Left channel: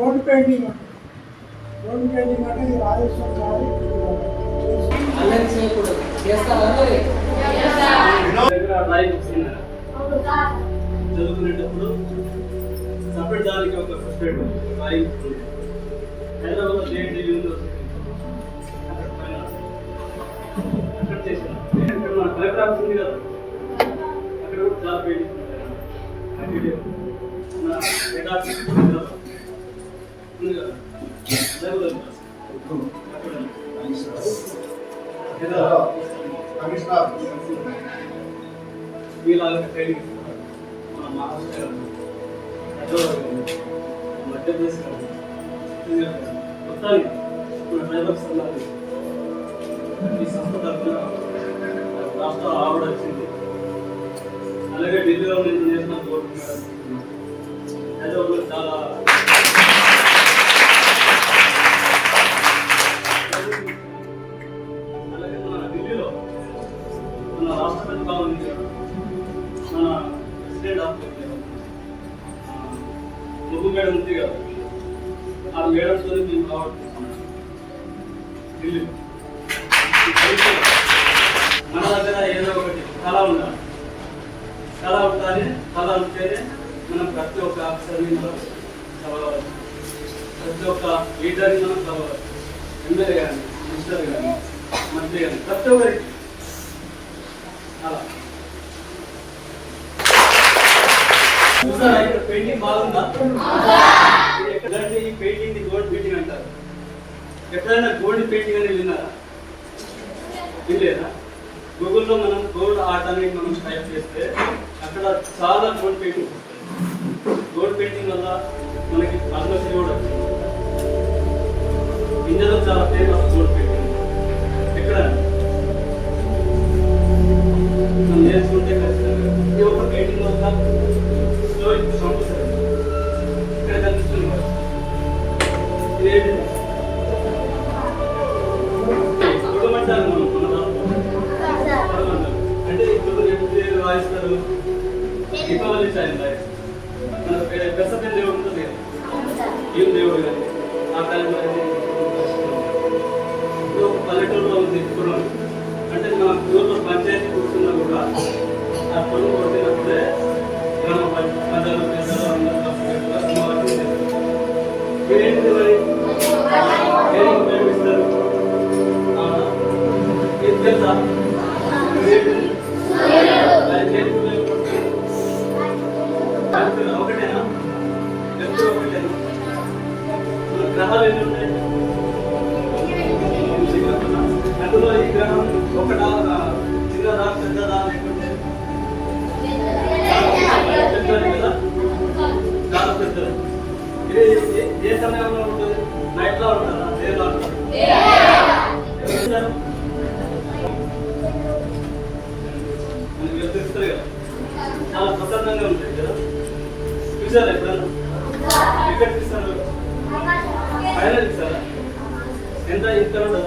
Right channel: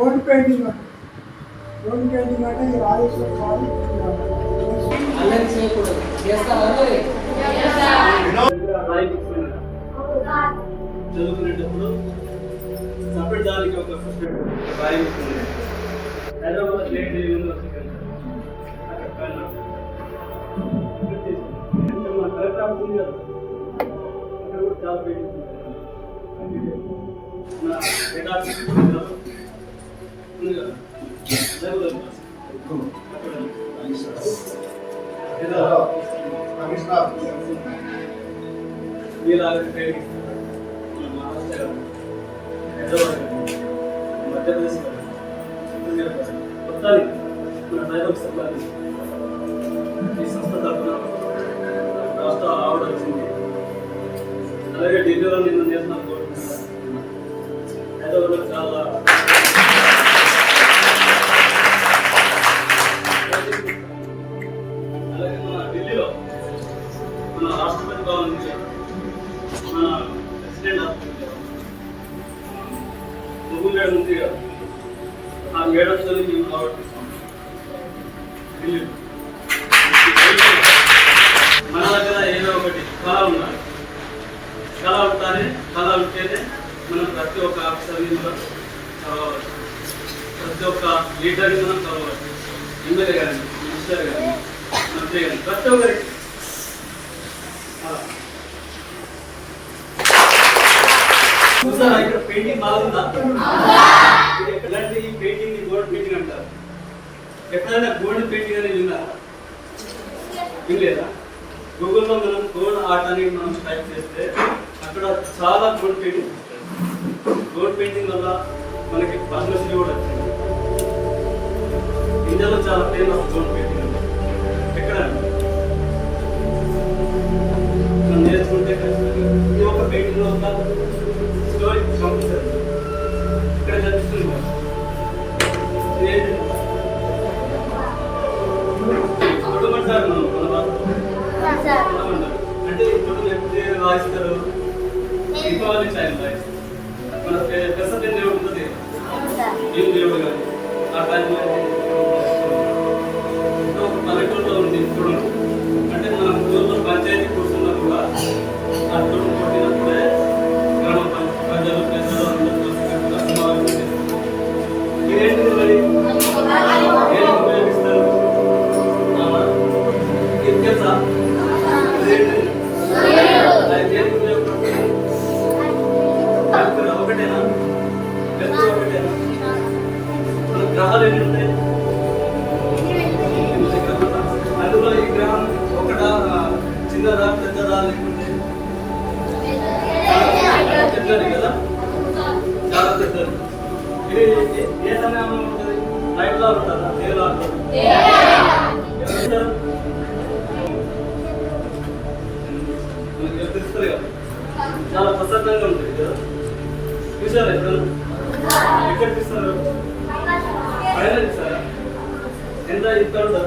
Board painting board painting అంటే ఈ రాజేశ్వర స్వామి అల్లరి చేయకూడదు. చేస్తావా? చదువుకునేటప్పుడు సపరేట్ దానికి ఒక separate drawing Hyderabad JNT university అక్కడ పైన అక్కడ చేసాను. ఇక్కడ మన కలెక్టర్ ఆఫీస్ ఉంది కదా, అక్కడ కూడా చాలా పెయింటింగ్స్ ఉంటాయి. మన హెడ్ ఆఫీస్ ఉంది కదా మీలాగా ట్రైనింగ్ ఇస్తారు. మన మహారాష్ట్ర హైదరాబాద్ కానీ మధ్యప్రదేశ్ కానీ మొత్తానికి మన ట్రైబల్ సమాజం ఈ సంస్థ తరఫున రాష్ట్ర అవార్డు వచ్చింది. అలాగే ఢిల్లీలో నేను నేషనల్ గవర్నమెంట్ హైదరాబాద్లో చాలా అలాగే మన ఢిల్లీలో మన రాష్ట్రపతి భవన్ ఉంది కదా, మన ప్రెసిడెంట్ ఆఫ్ ముగ్గు మేడం ఉంది కదా, ఆ మేడంతో మేము అవార్డు తీసుకున్నాం ఢిల్లీలో. మన దగ్గర ఏదో ఒకటి కళ ఉండాలి. కళ ఉండాలి. కళ ఉంటేనే మనం ప్రతి ఒక్క ఆఫీసర్ని మనం చదవచ్చు, ప్రతి ఒక్క లీడర్ని మనం చదవచ్చు. ఎమ్మెల్యే కానీ మినిస్టర్ కానీ మంత్రి కానీ ప్రతి ఒక్కరికి అలా. చూసారా ఇక్కడ పెయింటింగ్ బాగుందా? ఎక్కడంటే ఈ పెయింటింగ్ ని గోల్డ్ పెయింటింగ్ అంటారు. ఎప్పుడైనా గోల్డ్ పెయింటింగ్ అనేది విన్నారా? వినలేదా? గూగుల్లో మనం గోల్డ్ ఆర్ట్ అనేది మనం టైప్ చేస్తే అక్కడ చాలా గోల్డ్ పెయింటింగ్. గోల్డ్ పెయింటింగ్ వల్ల మనకి పద్మశ్రీ కూడా వచ్చింది. ఇండియాలో చాలా ఫేమస్ గోల్డ్ పెయింటింగ్ అంటే ఎక్కడ మనం నేర్చుకుంటే ఖచ్చితంగా ఈ ఒక పెయింటింగ్ ఒక స్టోరీ కంపల్సరీ ఇక్కడ కనిపిస్తుంది. ఇదేంటి తొడమంటారు మనం మన రాష్ట్రంలో అంటే ఇప్పుడు ఎప్పుడు వాయిస్తారు? దీపావళి టైం వాయిస్తారు. మన పెసపేన దేవుడు ఉంటుంది కదా, ఏం దేవుడు కానీ ఆ టైంలో ఇప్పుడు పల్లెటూరులో ఉంది తొడుగు అంటే మన ఊళ్ళో పంచాయతీ కూర్చున్నా కూడా ఆ తొడుగు కొట్టినప్పుడే గ్రామ ప్రజలు పెద్దలు అందరూ కలిసికట్టుగా సమావేశం చేస్తారు. ఏంటిది మరి ఏం ఉపయోగిస్తారు? ఇది తెలుసా? దేనికి ఉపయోగపడుతుంది? ఒకటేనా? వెళ్తూ ఒకటేనా? మన గ్రహాలు ఎన్ని ఉంటాయి? అందులో ఈ గ్రహం ఒకటా, చిన్నదా, పెద్దదా లేకుంటే పెద్దది కదా, చాలా పెద్దది. ఇది ఏ సమయంలో ఉంటుంది? నైట్ లో ఉంటుందా, డేలో ఉంటుంది? మనకి తెలుస్తుంది కదా, చాలా ప్రసన్నంగా ఉంటుంది కదా. చూసారా ఎప్పుడన్నా? ఎక్కడ చూస్తారు? పైన చూసారా? ఎంత ఇంత ఉందా?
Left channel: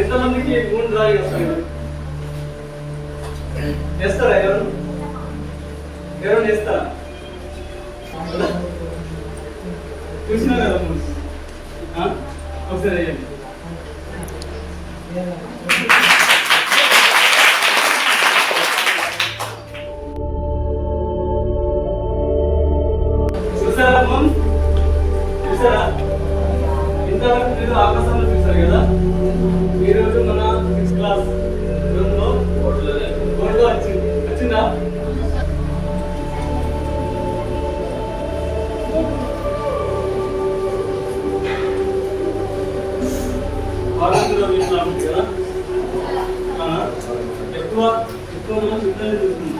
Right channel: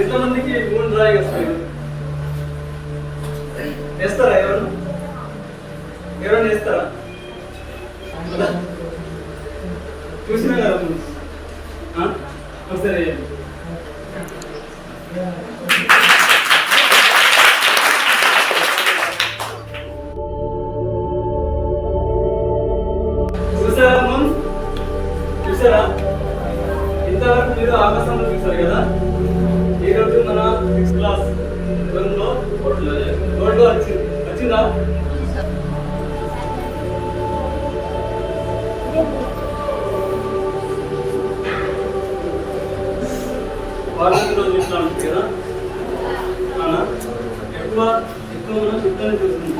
ఎంతమందికి మూడు డ్రాయింగ్ వస్తాయి? వేస్తారా? ఎవరన్నా వేస్తారా? చూసినా కదా ఒకసారి వేయండి. చూసారా మోన్? చూసారా? ఇంతవరకు మీరు ఆకాశంలో చూసారు కదా. ఈరోజు మన 6th క్లాస్ లో గోల్డ్ వచ్చిందా? భారతదేశంలో చూస్తున్నాం కదా. ఎక్కువ మనం యుద్ధాన్ని చూస్తున్నాం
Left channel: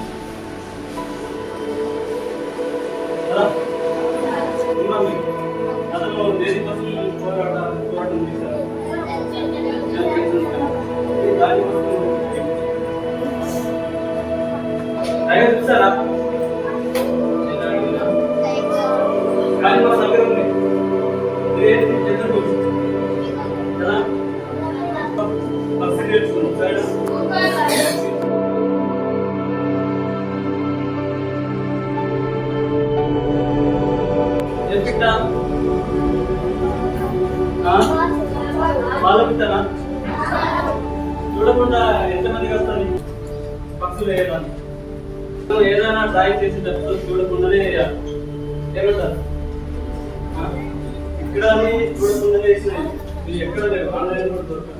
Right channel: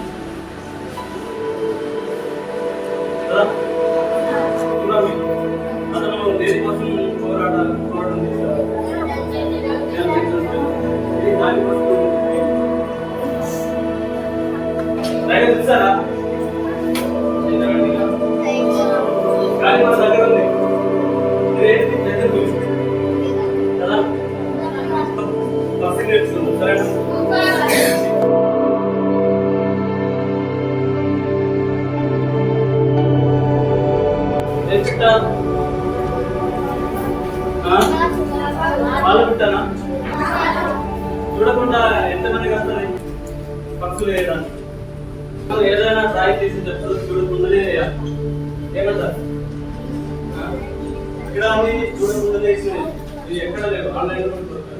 కదా. అతను దేనికోసం పోరాటం చేశారు? దానికోసం చూసారా? కానీ మన దగ్గర ఉంది ఇదేంటి? పెద్ద కదా, పర్సెంటేజ్ సరే. పిట్ట వాళ్ళ పిట్టనా? చూడకుండా ఎంతమందికి వస్తుంది పక్షులు వేయడానికి? మనం ఏదైనా డ్రాయింగ్ చేసేటప్పుడు చూడకుండానే వేయాలి. ఏమంటారు? ఇక్కడ అన్ని చూడకుండానే వేసినాయి. ఇది ఎక్కడ లేవు, ఆన్లైన్ కూడా దొరుకుతుంది.